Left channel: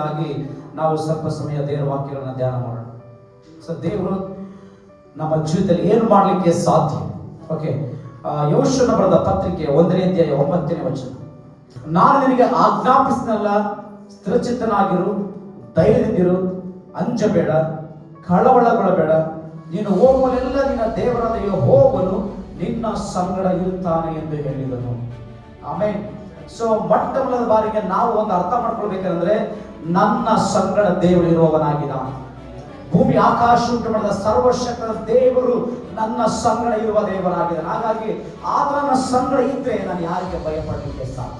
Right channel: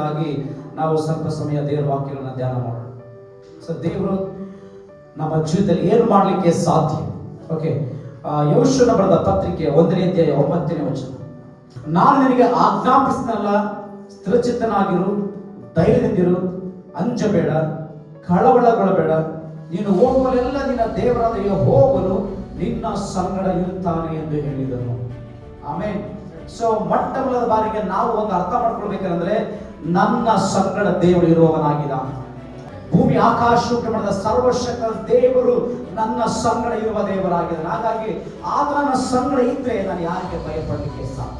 ಮೊದಲನೇದಾಗಿ ನಾವು ಸ್ವಲ್ಪ ಸಮಯ ದೇವರ ವಾಕ್ಯಗಳನ್ನು ಧ್ಯಾನ ಮಾಡೋಣ. ಸೊ ದೇವರು ನಮ್ಮ ಜೀವಿತದಲ್ಲಿ ಏನು ಮಾಡಲಿಕ್ಕೆ ಸಾಧ್ಯ? ಓಕೆ, ಯೆಹೋಶುವನ ಬರೆದ ಪತ್ರಿಕೆ 1ನೇ ಅಧ್ಯಾಯ 9ನೇ ವಚನ. ನಾನು ನಿನಗೆ ಆಜ್ಞಾಪಿಸಿದನಲ್ಲ, ಸ್ಥಿರಚಿತ್ತನಾಗಿರು, ಧೈರ್ಯದಿಂದಿರು, ಅಂಜಬೇಡ, ಕಳವಳಗೊಳ್ಳಬೇಡ. ನೀನು ಹೋಗುವಲ್ಲೆಲ್ಲ ನಿನ್ನ ದೇವರಾದ ಯೆಹೋವನು ನಿನ್ನ ಸಂಗಡ ಇರುತ್ತಾನೆ ಎಂದು ಹೇಳಿದನು. ಆಮೆನ್. ಸೊ ಮೊಟ್ಟ ಮೊದಲ ಬಾರಿಗೆ ನಾವು ಒಂದು ಅರ್ಥ ಮಾಡ್ಕೊಳ್ಬೇಕಂದ್ರೆ, ನನ್ನ ಸಂಗಡ ದೇವರು ಇರುವವನಾಗಿದ್ದಾನೆ. ಭೂಮಿ ಆಕಾಶ ಉಂಟು ಮಾಡಿದ ಸರ್ವಶಕ್ತ ದೇವರು ನನ್ನ ಸಂಗಡ ಇರುವ ದೇವರಾಗಿದ್ದಾನೆ. ಹಾಗಾಗಿ ಆತ ನನ್ನ ಸಂಗಡ ಇದ್ರೆ ನಾನು ಯಾರಿಗೆ ಭಯಪಡಲಿಕ್ಕೆ ಸಾಧ್ಯ?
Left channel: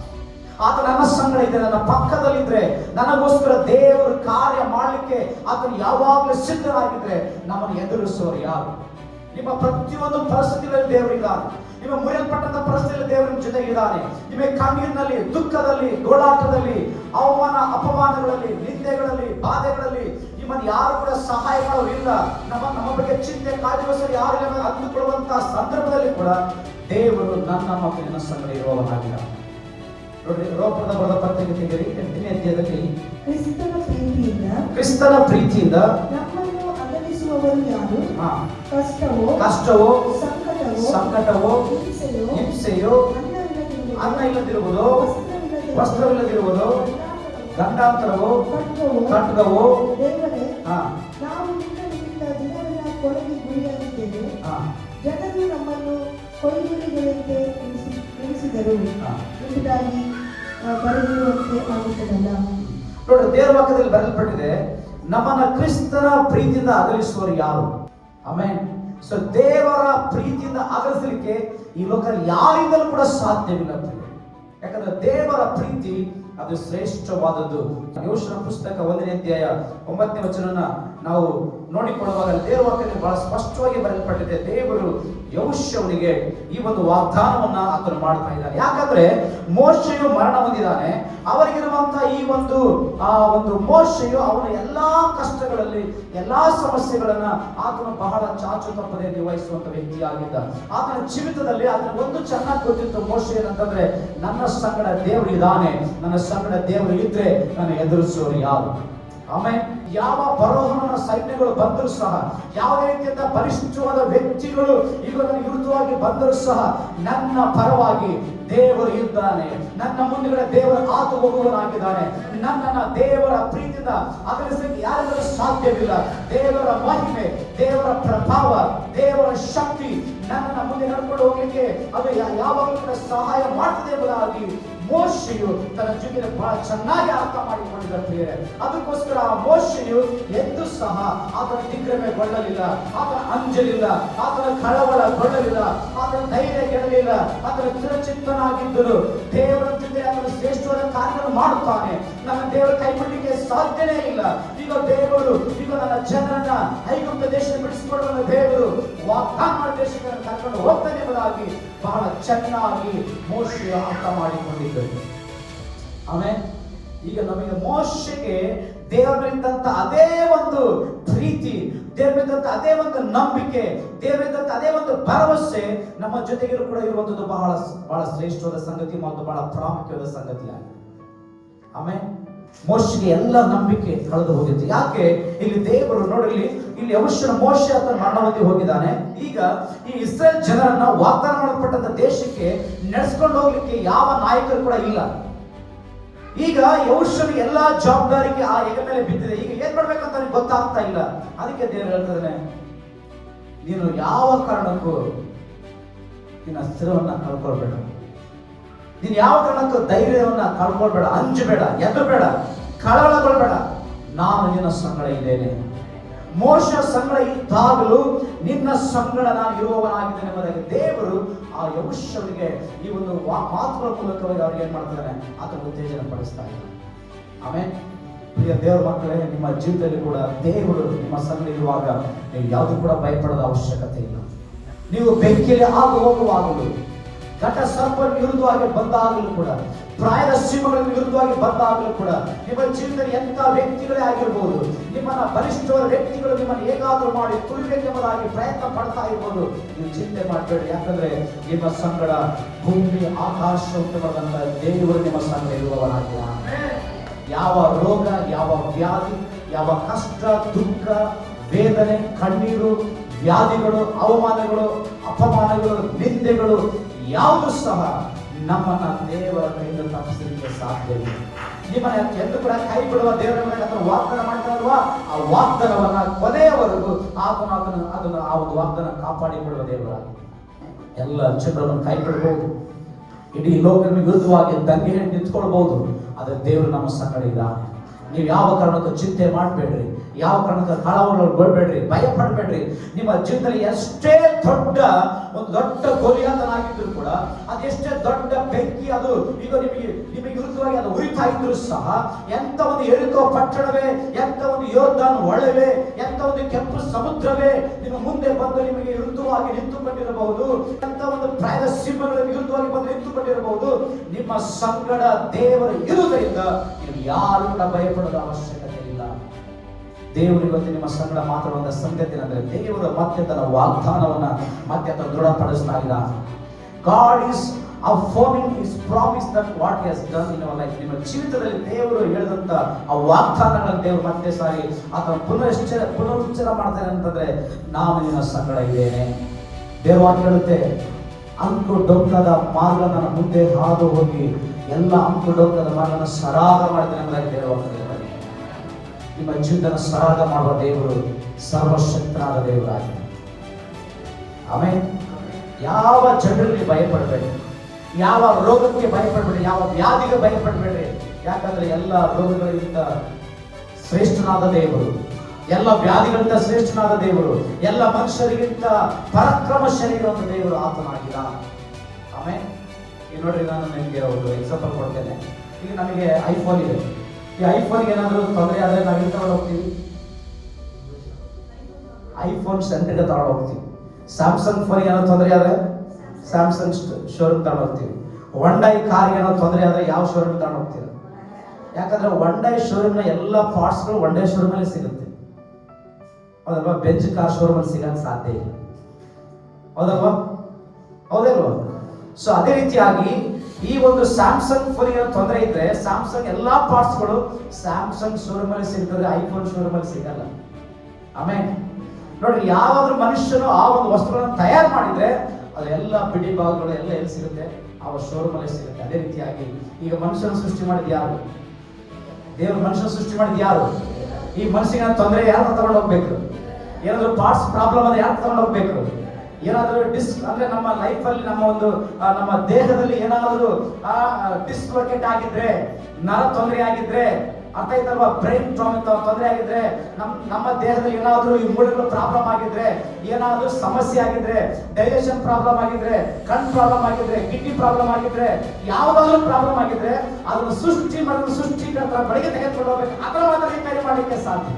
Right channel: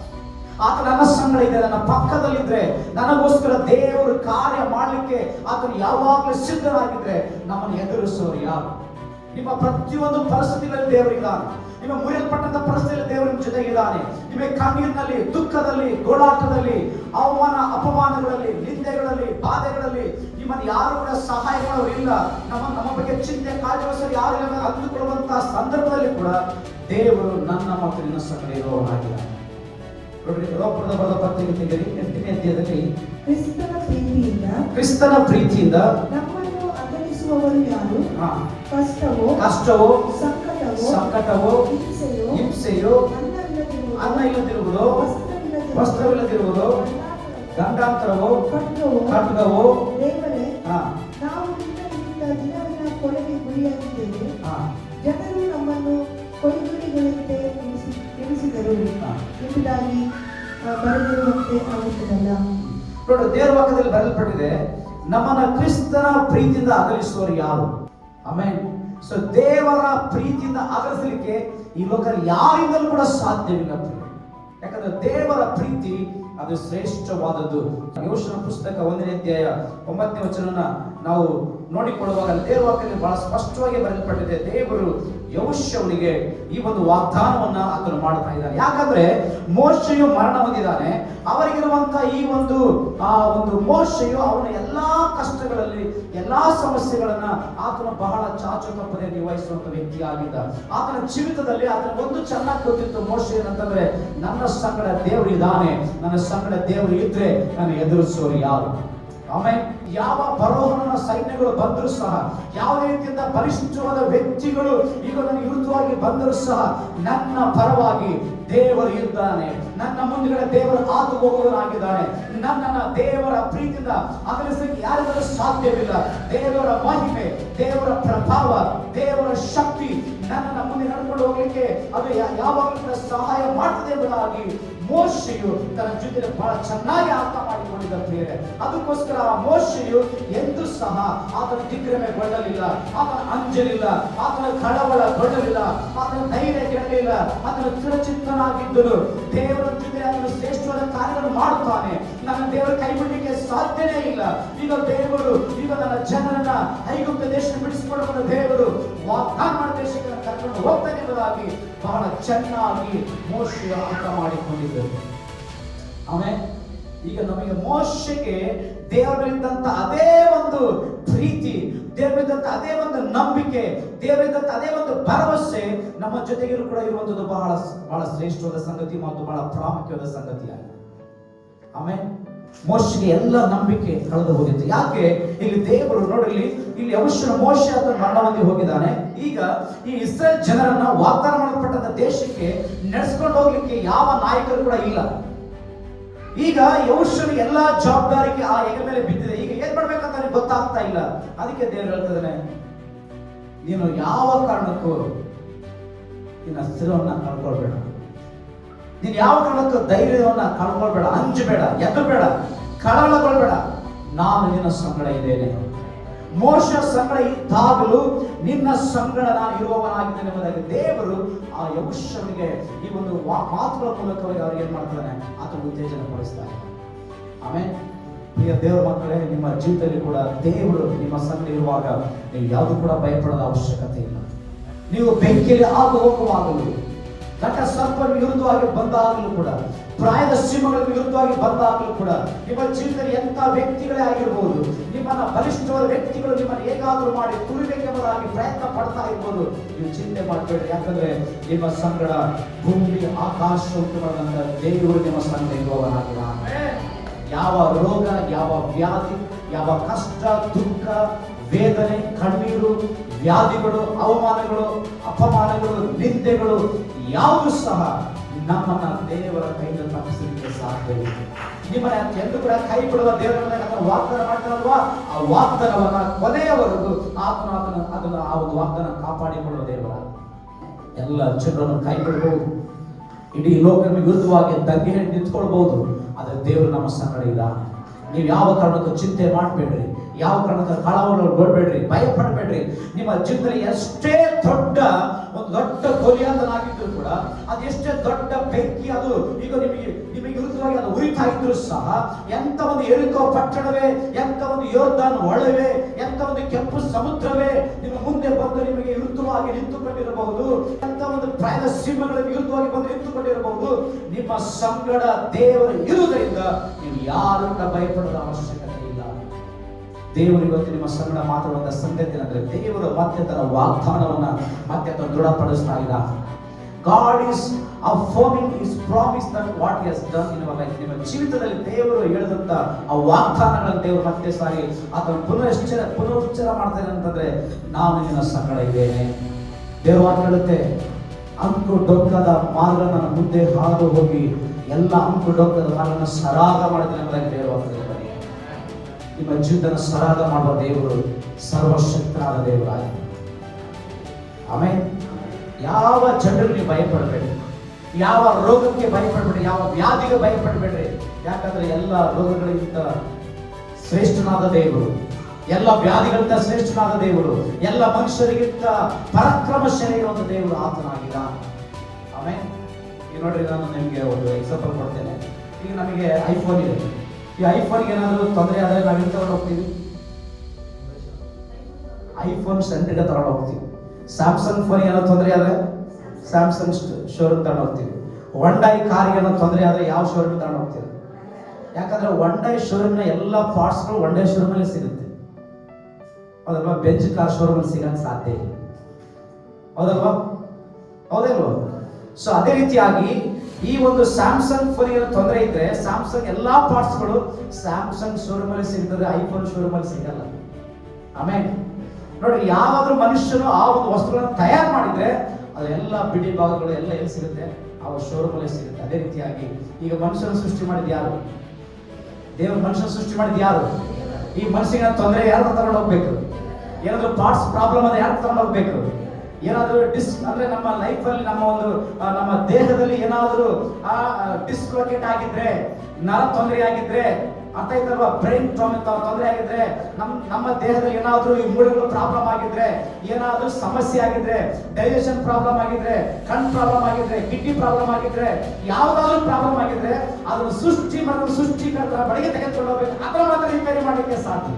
ಆತ ನನ್ನ ಸಂಗಡ ಇದೆ, ನನ್ನ ಪಕ್ಕದಲ್ಲಿದ್ರೆ, ನನಗೋಸ್ಕರ ದೇವರು ಕಾರ್ಯ ಮಾಡಲಿಕ್ಕೆ ಆತನು ಯಾವಾಗಲೂ ಸಿದ್ಧರಾಗಿದ್ರೆ ನಮ್ಮನ್ನು ಎದುರಿಸುವರು ಯಾರು? ನಿಮ್ಮ ಪ್ರತಿಯೊಂದು ಪರಿಸ್ಥಿತಿಯಲ್ಲಿ ದೇವರಿದ್ದಾನೆ. ನಿಮ್ಮ ಮುರಿಯಲ್ಪಟ್ಟಂತ ಪರಿಸ್ಥಿತಿಯಲ್ಲಿ ದೇವರು ನಿಮ್ಮ ಜೊತೆಗಿದ್ದಾನೆ. ನಿಮ್ಮ ಕಣ್ಣೀರಿನಲ್ಲಿ, ದುಃಖದಲ್ಲಿ, ಗೋಳಾಟದಲ್ಲಿ, ಅವಮಾನ ಅಪಮಾನಗಳಲ್ಲಿ, ನಿಂದೆಗಳಲ್ಲಿ, ಬಾಧೆಗಳಲ್ಲಿ ನಿಮ್ಮನ್ನು ಯಾರು ಕೂಡ ಸಹಾಯ ಮಾಡೋರಿಲ್ಲ. ನಮ್ಮ ಬಗ್ಗೆ ಚಿಂತೆ ಕಾಳಜಿಗೋಸ್ಕರ ಯಾರು ಅಂದುಕೊಳ್ಳುವಂತಹ ಸಂದರ್ಭದಲ್ಲಿ ಕೂಡ ದೇವರು ನನ್ನ ಮತ್ತು ನಿನ್ನ ಸಂಗಡ ಇರುವವನಾಗಿದ್ದಾನೆ. ನೋಡ್ರಿ, ರೋಮಪುರದ ಬರೆದ ಪತ್ರಿಕೆ ತೆಗೆರಿ 8ನೇ ಅಧ್ಯಾಯದಲ್ಲಿ ಕ್ರಿಸ್ತನ ಪ್ರೀತಿಯಿಂದ ನಮ್ಮನ್ನು ಅಗಲಿಸುವವರು ಯಾರು? ಕಷ್ಟವೋ, ಸಂಕಟವೋ, ಹಿಂಸೆಯೋ, ಅನ್ನ ಇಲ್ಲದಿರುವುದು, ವಸ್ತ್ರವಿಲ್ಲದಿರುವುದು, ಗಂಡಾಂತರವೋ, ಖಡ್ಗವೋ, ನಾವು ನಿನ್ನಿಂದ ದಿನವೆಲ್ಲ ಕೊಲೆಗೆ ಗುರಿಯಾಗಿದ್ದೇವೆ. ಜನರು ನಮ್ಮನ್ನು ಕೊಯ್ಗುರಿಗಳಂತೆ ಎಣಿಸಿದರು ಎಂಬುದಾಗಿ ಬರೆದಿರುವಂತೆ ಆಗುತ್ತದಲ್ಲ. ನೋಡಿ, ದೇವರ ವಾಕ್ಯದಲ್ಲಿ ಬರೆಯಲ್ಪಟ್ಟಿದೆ, ನಮ್ಮನ್ನ ಕ್ರಿಸ್ತನ ಪ್ರೀತಿಯಿಂದ ಅಗಲಿಸುವವರು ಯಾರು? ಆಮೆನ್. ಸೊ ದೇವರ ಪ್ರೀತಿಯಿಂದ ಅಗಲಿಸಲಿಕ್ಕೆ ಈ ಲೋಕದಲ್ಲಿ ಯಾರಿಂದಲೂ ಕೂಡ ಸಾಧ್ಯವಿಲ್ಲ. ಯಾಕಂದ್ರೆ ದೇವರ ಪ್ರೀತಿ ಅದು ಶ್ರೇಷ್ಠವಾದದ್ದು. ಯೆಹೋಶುವನ ಪುಸ್ತಕ 1ನೇ ಅಧ್ಯಾಯ 9ನೇ ವಚನ ನಾವು ನೋಡಿಕೊಳ್ಳುವಾಗ ದೇವರ ವಾಕ್ಯದಲ್ಲಿ ಬಹಳ ಸ್ಪಷ್ಟವಾಗಿ ಬರೆಯಲ್ಪಟ್ಟಿದೆ. ದೇವರು ಯೆಹೋಶುವನಿಗೆ ಈ ಒಂದು ವಾಗ್ದಾನವನ್ನ ಆತನು ಮಾಡ್ತಾ ಇದ್ದಾನೆ. ಯಾಕಂದ್ರೆ ಮೋಶೆಯು ಮರಣ ಹೊಂದಿದ್ದಾನೆ. ಅವರಿಗಿರುವಂತಹ ಈ ಒಂದು ಮೋಶೆಯು ಅವನ ಎಲ್ಲಾ ಕಷ್ಟಗಳಲ್ಲಿ, ಎಲ್ಲಾ ಸಮಸ್ಯೆಗಳನ್ನ ಆತನು ಬಹಳ ಚಾಚು ತಪ್ಪದೆ ನಿರ್ವಹಿಸುವಂತ ವ್ಯಕ್ತಿಯಾಗಿದ್ದ. ಆತನ ಜೀವಿತದಲ್ಲಿ ಆತನ ಒಂದು ಚೆನ್ನಾಗಿ ಗೊತ್ತಿತ್ತು, ಮೋಶೆ ಏನಂತಂದ್ರೆ, ನನ್ನ ಸಂಗಡ ದೇವರು ಇದ್ದಾನೆ, ನನ್ನ ಸಂಗಡ ದೇವರು ಇದ್ರೆ ನಾನು ಎದುರಿಸುವವರು ಯಾರು? ಆಮೇಲೆ ಯಾವ ಬರೋಹನ ಸೈನ್ಯಗಳು ಬಂದರೂ ಸಹ, ಯಾವ ರೀತಿಯಿಂದ ಬಲಿಷ್ಠವಾದ ವ್ಯಕ್ತಿಗಳು ಈಗ ನನಗೆ ವಿರುದ್ಧವಾಗಿ ಬಂದರೂ ಸಹ ನನ್ನ ಪರವಾಗಿ ದೇವರು ಇದ್ದಾನೆ. ನನ್ನ ಮುಂದುಗಡೆ ದೇವರು ಆತು ಹೋಗುವನಾಗಿದ್ದಾನೆ. ನನ್ನನ್ನು ದೇವರ ಪ್ರೀತಿಯಿಂದ ಅಗಲಿಸಲಿಕ್ಕೆ ಯಾರಿಗೂ ಸಾಧ್ಯವಿಲ್ಲ. ದೇವರ ಮಹಿಮೆ, ದೇವರ ಪ್ರಭಾವ, ದೇವರ ಶಕ್ತಿ ನನ್ನನ್ನು ಮುಂದೆ ನಡ್ಕೊಂಡು ಹೋಗ್ಲಿಕ್ಕೆ ಅದು ಯಾವಾಗಲೂ ಕೂಡ ಸಹಾಯ ಮಾಡ್ತದೆ ಎಂಬುದಾಗಿ ಮೋಶೆಯು ತನ್ನ ಜೊತೆ ಬಹಳ ಚೆನ್ನಾಗಿ ಅರ್ಥ ಮಾಡಿಕೊಂಡಿದ್ದ ಪ್ರಿಯರೇ. ಅದಕ್ಕೋಸ್ಕರ ಮೋಶೆಯು ಎಂದೂ ಸಹ ಆತನ ದಿಗ್ಭ್ರಮೆಗೊಳ್ಳಲಿಲ್ಲ, ಆತನ ಅಂಜಲಿಲ್ಲ, ಆತನ ಕಳವಳಗೊಳ್ಳಲಿಲ್ಲ, ಆತನ ಧೈರ್ಯ ಗೆಡಲಿಲ್ಲ, ಆತನ ಚಿರಚಿತ್ತನಾಗಿದ್ದನು. ದೇವರ ಜೊತೆ ಆತನು ಶ್ರೇಷ್ಠವಾದ ಕಾರ್ಯಗಳನ್ನು ಮಾಡುತ್ತಾನೆ. ನನ್ನ ದೇವರ ಕೈ ಬಿಡಲಿಕ್ಕೆ ಸಾಧ್ಯನೇ ಇಲ್ಲ. ಈಗ ದೇವರು ನನ್ನ ಜನರನ್ನ ಐಗುಪ್ತ ದೇಶ ಬಿಡಿಸಿಕೊಳ್ಳುವ ದೇವರು ವಾಗ್ದಾನ ಮಾಡಿದ ದೇಶಕ್ಕೆ ಕರ್ಕೊಂಡು ಹೋಗ್ತಾನೆ ಎಂಬುದಾಗಿ ಬಹಳ ಚೆನ್ನಾಗಿ ಮೋಶೆಯ ಅರ್ಥ ಮಾಡಿಕೊಂಡಿದ್ದರು. ಆಮೇಲೆ ಈಗ ನಮಗೆ ಮೋಶೆಗೆ ದೇವರಿದ್ದಂತ ಅದೇ ಒಂದು ಪ್ರೀತಿ, ದೇವರಿದ್ದಂತ ಅದೇ ಒಂದು ನಂಬಿಕೆ, ದೇವರಿದ್ದಂತ ಅದೇ ಒಂದು ಭರವಸೆ ನಮ್ಮ ಜೊತೆಗಿರು ಕೂಡ ಇರುವಂತದ್ದು ಬಹಳ ಬಹಳ ಶ್ರೇಷ್ಠವಾದ ಸಂಗತಿ ಮತ್ತು ಬಹಳ ಪ್ರಾಮುಖ್ಯವಾದ ಸಂಗತಿಯಾಗಿದೆ. ಆಮೇಲೆ ಮೋಶೆಗೆ ಎಲ್ಲ ನಂಬಿಕೆ ಕಳೆದು ಹೋಗಿತ್ತು. ಯಾಕೆ? ಇಲ್ಲಿ ದೇವರು ನೋಡಿ, ಇಲ್ಲಿ ಯೆಹೋಶುವನ ಮೋಶೆ ಆತನ ಮರಣ ಹೊಂದಿ ಹೋಗಿದ್ದಾನೆ. ಈಗ ಈ ಇಸ್ರೇಲ್ ಜನರನ್ನ ವಾಗ್ದಾನ ಮಾಡಲ್ಪಟ್ಟಂತ ದೇಶಕ್ಕೆ ನಡೆಸ್ಕೊಂಡು ಹೋಗ್ಲಿಕ್ಕೆ ಯಾವ ನಾಯಕರು ಕೂಡ ಇಲ್ಲ. ಈಗ ಯೆಹೋಶುವನ ಎಲ್ಲಾ ಜವಾಬ್ದಾರಿಗೆ ಆ ಹೆಗಲ ಮೇಲೆ ಬಿದ್ದಿದೆ. ಈಗ ಏನ್ ಮಾಡ್ಬೇಕಂತ ನನಗೆ ಗೊತ್ತಾಗ್ತಾ ಇಲ್ಲ. ಅದಕ್ಕೆ ದೇವರು ಹೇಳ್ತಿದ್ದಾನೆ, ನೀನು ಯಾವ ಕಾರಣಕ್ಕೂ ನಿನ್ನ ಸ್ಥಿರವನ್ನ ಕಳ್ಕೊಳ್ಬೇಡ, ನೀನು ಯಾವ ಕಾರಣಕ್ಕೂ ಧೈರ್ಯವನ್ನ ಕಳ್ಕೊಳ್ಬೇಡ, ಅಂಜಬೇಡ, ಎದ್ದಬೇಡ, ಕಳವಳಗೊಳ್ಬೇಡ, ನಾನು ನಿನ್ನ ಸಂಗಡ ಇದ್ದೇನೆ. ಮೋಶೆ ಸಂಗಡ ಇದ್ದಾಗಲೂ ನಿನ್ನ ಸಂಗಡ ನಾನು ಇರುವವನಾಗಿದ್ದೇನೆ ಎಂಬುದಾಗಿ ದೇವರು ಆ ಯೆಹೋಶುವನಿಗೆ ಈ ಒಂದು ಮಾತುಗಳ ಮೂಲಕವಾಗಿ ಅವ್ರಿಗೆ ಏನ್ ಮಾಡ್ತಾನೆ, ಆತನ ಉತ್ತೇಜನ ಪಡಿಸ್ತಾ ಇದ್ದಾನೆ. ಆಮೇಲೆ ಪ್ರಿಯ ದೇವರ ಮಕ್ಕಳೇ, ನಿಮ್ಮ ಜೀವಿತದಲ್ಲಿ ಕೂಡ ದೇವರು ನಿಮ್ಮ ಸಂಗಡ ಇರುವಾಗ ನೀವು ಯಾವುದು ಕೂಡ ಭಯಪಡದ ಅವಶ್ಯಕತೆ ಇಲ್ಲ. ನೀವು ಬೆಂಕಿಯಲ್ಲಿ ಹೋಗುವಾಗಲೂ, ಘಟ ಸರ್ಪ ವಿರುದ್ಧವಾಗಿ ಬಂದಾಗಲೂ ಕೂಡ, ಪ್ರಾಯದ ಸಿಂಹಗಳ ವಿರುದ್ಧವಾಗಿ ಬಂದಾಗಲೂ ಕೂಡ, ನಿಮ್ಮ ಜೀವಿತದಲ್ಲಿ ಎಂಥ ವ್ಯಕ್ತಿಗಳೇ ಆಗಿರ್ಬೋದು, ನಿಮ್ಮನ್ನ ಬಲಿಷ್ಠವಾದ ವ್ಯಕ್ತಿಗಳು ನಿಮ್ಮನ್ನು ಹೇಗಾದ್ರೂ ಮಾಡಿ ತುಳಿಬೇಕೆಂಬುದಾಗಿ ಪ್ರಯತ್ನ ಪಡ್ತಾ ಇರ್ಬೋದು, ನೀವು ಚಿಂತೆ ಮಾಡಬೇಡಿ. ಯಾಕಂದ್ರೆ ನಿಮ್ಮ ಸಂಗಡ ಭೂಮಿ ಆಕಾಶ ಉಂಟುವಾದಂತ ದೇವರು ನಿಮ್ಮ ಸಂಗಡ ಇರುವವನಾಗಿದ್ದಾನೆ. ಯಾವ ರೋಗ, ಯಾವ ವ್ಯಾಧಿ, ಯಾವ ಕಷ್ಟ, ದುಃಖ, ವೇದನೆ, ಕಣ್ಣೀರು, ವ್ಯಾಧಿಗಳು, ಅವಮಾನಗಳು, ಅಪಮಾನಗಳು, ನಿಂದೆಗಳು ಯಾವುದು ಸಹ ನಮ್ಮನ್ನ ದೇವರ ಕೈಯಿಂದ ತಪ್ಪಿಸಲಿಕ್ಕೆ ಸಾಧ್ಯವಿಲ್ಲ. ನಿಮ್ಮನ್ನ ಎಂದು ಕೂಡ ಕೈ ಬಿಡುವ ದೇವರ ಮೇಲೆ ವಾಗ್ದಾನ ಮಾಡ್ತಾರಲ್ವಾ, ಆ ವಾಗ್ದಾನವನ್ನ ಕೊನೆಯವರೆಗೂ ಅದನ್ನ ಆ ಒಂದು ವಾಗ್ದಾನ ಕಾಪಾಡಿಕೊಳ್ಳುವ ದೇವರ. ಎಲ್ಲ ಜನರನ್ನು ಕೈ ಬಿಡಬಹುದು, ಇಡೀ ಲೋಕದ ವಿರುದ್ಧವಾಗಿ ದಂಗೆ ಹೇಳಿ ನಿಂತ್ಕೊಳ್ಬಹುದು, ಆದ್ರೆ ದೇವರು ನಮ್ಮ ಸಂಗಡ ಇದ್ದಾನೆ. ನೀವು ಯಾವ ಕಾರಣಕ್ಕೂ ಚಿಂತೆ ಮಾಡಬೇಡ್ರಿ, ಯಾವ ಕಾರಣಕ್ಕೂ ಕಳವಳಗೊಳ್ಬೇಡ್ರಿ, ಭಯ ಪಡಬೇಡ್ರಿ. ನಿಮ್ಮ ಜೀವನದಲ್ಲಿ ಎಷ್ಟೇ ದೊಡ್ಡ ಕೊಲಿಯಾತನಾಗಿದ್ರು ಕೂಡ, ಅದೆಷ್ಟೇ ದೊಡ್ಡ ಬೆಂಕಿ ಅದು ಈಗ ನಿಮಗೆ ವಿರುದ್ಧವಾಗಿ ಅದು ಉರಿತಾ ಇದ್ರು ಸಹ, ಎಂತ ಒಂದು ಎರಿಕೋ ಪಟ್ಟಣವೇ, ಎಂತ ಒಂದು ಯೋರ್ದಾನ್ ಹೊಳೆವೇ, ಎಂತ ಒಂದು ಕೆಂಪು ಸಮುದ್ರವೇ ನಿಮ್ಮ ಮುಂದೆ ಬಂದು ನಿಮಗೆ ವಿರುದ್ಧವಾಗಿ ನಿಂತುಕೊಂಡಿರಬಹುದು, ಎಂತ ಒಂದು ಪ್ರಾಯ ಸಿಂಹಗಳ ವಿರುದ್ಧವಾಗಿ ಬಂದು ನಿಂತುಕೊಂಡಿರಬಹುದು. ನಿಮ್ಮ ಸಂಗಡ ದೇವರು ಇರುವುದರಿಂದ ನೀವು ಯಾರು ಕೂಡ ಭಯಪಡೋದ ಅವಶ್ಯಕತೆ ಇಲ್ಲ. ದೇವರು ಇವತ್ತು ನಿಮ್ಮ ಸಂಗಡ ಮಾತಾಡುವಂತ ಸಂಗತಿ ಏನಂದ್ರೆ, ದೇವರು ಮತ್ತೆ ತನ್ನ ವಾಗ್ದಾನವನ್ನ ಮತ್ತೆ ದೃಢಪಡಿಸ್ತಾ ಇದ್ದಾನೆ. God is affirming his promise that what he has done in our life. ನಿಮ್ಮ ಜೀವಿತದಲ್ಲಿ ದೇವರು ಹೇಳಿದಂತ ಆ ವಾಗ್ದಾನಗಳನ್ನು ದೇವರು ಮತ್ತೆ ಸಾರಿ ಅಥವಾ ಪುನರುಚ್ಚರ ಮಾಡ್ತಾರೆ ಅಂತಂದ್ರೆ, ನಾನು ನಿನ್ನ ಸಂಗಡ ಇದ್ದೇನೆ. ದೇವರು ಹೇಳುತ್ತೆ, ಅಂಕು ಡೊಂಕದ ಮಾರ್ಗ ನನ್ನ ಮುಂದೆ ಹಾದು ಹೋಗಿ ಎಲ್ಲ ಅಂಕು ಡೊಂಕದ ಮಾರ್ಗನ ಸರಾಗ ಮಾಡಿದ್ರೆ ಅಂದ್ರೆ ದೇವರು ನಿಮ್ಮ ಜೀವನ ಸರಾಗ ಮಾಡುವ ದೇವರು ಸರ್ವಶಕ್ತನಾದ ದೇವರಾಗಿ. ಆಮೇಲೆ ಯಾವ ಜನರಿಗೆ ಭಯಪಡಬೇಡಿ, ಯಾವ ರೋಗಕ್ಕೆ ಭಯಪಡಬೇಡಿ, ಯಾವ ವ್ಯಾಧಿಗೆ ಭಯಪಡಬೇಡ್ರಿ. ಯಾಕಂದ್ರೆ ಎಲ್ಲ ರೋಗಗಳಿಗಿಂತ ಶ್ರೇಷ್ಠನಾದ ದೇವರು, ಎಲ್ಲ ವ್ಯಾಧಿಗಳಿಂದ ಶ್ರೇಷ್ಠನಾದ ದೇವರು, ಎಲ್ಲ ಮನುಷ್ಯರಿಗಿಂತ ಪರಾಕ್ರಮಶಾಲಿ ಇರುವಂತ ದೇವರು ಆತನಾಗಿದ್ದಾನೆ. ಆಮೇಲೆ ಈಗ ನೋಡ್ರಿ, ನಾನು ನಿಮಗೆ ಒಂದು ಎಕ್ಸಾಂಪಲ್ ಕೊಡ್ತೇನೆ. ಈಗ ನಮಗೆ ಐಫೋನ್ ಇದೆ, ಈ ಐಫೋನ್ಗೆ ಏನಾದರೂ ತೊಂದರೆ ಆದರೆ ನಾವೇನು ತಗೊಂಡು ಹೋಗ್ತೀವಿ? ಐಫೋನ್ ಸೆಂಟರ್ಗೆ ತಗೊಂಡು ಹೋಗ್ತೀವಿ. ಸ್ಯಾಮ್ಸಂಗ್ ಫೋನ್ಗೆ ಏನೋ ತೊಂದರೆ ಆದರೆ ಸ್ಯಾಮ್ಸಂಗ್ ಶೋರೂಮ್ ತಗೊಂಡು ಹೋಗ್ತೀವಿ. ವಂಡೈ ಕಾರ್ಗೆ ಏನೋ ತೊಂದರೆ ಆದರೆ ಯಾವ ಶೋರೂಮ್ ತಗೊಂಡು ಹೋಗ್ತೀವಿ? ಯಾಕಂದ್ರೆ ವಂಡೈ ಶೋರೂಮ್ನ ಎಲ್ಲ ಪಾರ್ಟ್ಸ್ಗಳು ವಂಡೈ ಶೋರೂಮಲ್ಲಿ ಸಿಗುತ್ತೆ, ಹೌದಲ್ವಾ? ಬೆಂಚ್ ಕಾರ್ ಶೋರೂಮಲ್ಲಿ ಸಿಗಕ್ಕೆ ಸಾಧ್ಯ ಇಲ್ಲ, ಹೌದಲ್ವಾ? ಹೌದಲ್ವಾ? ಸೊ ಅದೇ ರೀತಿಯಾಗಿ ಈ ಒಂದು ಸ್ಯಾಮ್ಸಂಗ್ ಫೋನಿಗೆ ತೊಂದರೆ ಇದ್ರೆ ಸ್ಯಾಮ್ಸಂಗ್ ಎಲ್ಲಾ ಪಾರ್ಟ್ಸ್ಗಳು ಸ್ಯಾಮ್ಸಂಗ್ ಶೋರೂಮ್ ಅಲ್ಲಿ ಸಿಗ್ತದೆ, ಐಫೋನ್ ಶೋರೂಮ್ ಅಲ್ಲಿ ಸಿಗಲ್ಲ. ಆಮೇಲೆ ನೋಡ್ರಿ, ಯಾವಾದ್ರೂ ಮನುಷ್ಯನು ಆ ಒಂದು ವಸ್ತುಗಳನ್ನು ತಯಾರು ಮಾಡಿದ್ರೆ ಅದೆಲ್ಲ ಬಿಡಿ ಭಾಗಗಳು ಎಲ್ಲ ಎಲ್ಲಿ ಸಿಗುತ್ತೆ? ಆ ಶೋರೂಮ್ ಅಲ್ಲಿ ಸಿಗುತ್ತೆ. ಅದೇ ರೀತಿಯಾಗಿ ಈಗ ಮನುಷ್ಯನ ಸೃಷ್ಟಿ ಮಾಡಿದ ಯಾರು? ದೇವರು ಮನುಷ್ಯನ ಸೃಷ್ಟಿ ಮಾಡಿದ ಯಾರು? ಈ ಮನುಷ್ಯನ ತೊಂದರೆ ಯಾರು ತಗೊಂಡು ಹೋಗ್ಬೇಕು? ಏನಾದ್ರು ಪಾರ್ಟ್ಸ್ ಪ್ರಾಬ್ಲಮ್ ಅದ ಯಾರು ತಗೊಂಡು ಹೋಗ್ಬೇಕು? ಏನಾದರೂ ಅಂದ್ರೆ ನಮ್ಮ ಲೈಫ್ ಅಲ್ಲಿ ನಮ್ಮ ದೇಹದಲ್ಲಿ ಏನಾದರೂ ಡಿಸ್ಲೊಕೇಟ್ ಆಗಿದ್ರೆ, ನರ ತೊಂದರೆ ಆಗಿದ್ರೆ, ಅರ್ಥ ಆಯ್ತಲ್ವಾ? ಬ್ರೈನ್ ತೊಂದರೆ ಆಗಿದ್ರೆ, ನಮ್ಮ ದೇಹದಲ್ಲಿ ಏನಾದರೂ ಈ ಮೂಳೆಗಳು ಪ್ರಾಬ್ಲಮ್ ಆಗಿದ್ರೆ, ಏನಾದರೂ ಸಮಸ್ಯೆ ಆಗಿದ್ರೆ, ಡೈಜೆಷನ್ ಪ್ರಾಬ್ಲಮ್ ಆಗಿದ್ರೆ, ಕಣ್ ಪ್ರಾಬ್ಲಮ್ ಆಗಿದ್ರೆ, ಕಿಡ್ನಿ ಪ್ರಾಬ್ಲಮ್ ಆಗಿದ್ರೆ, ಯಾವ್ದಾದ್ರು ಪ್ರಾಬ್ಲಮ್ ಆಗಿದ್ರೆ ಅದನ್ನು ಸೃಷ್ಟಿಕರ್ತರ ಬಳಿಗೆ ತೆಗೆದುಕೊಂಡು ಹೋಗ್ಬೇಕು. ಅದರ ಮಾತ್ರ ರಿಪೇರಿ ಮಾಡಲಿಕ್ಕೆ ಸಾಧ್ಯ.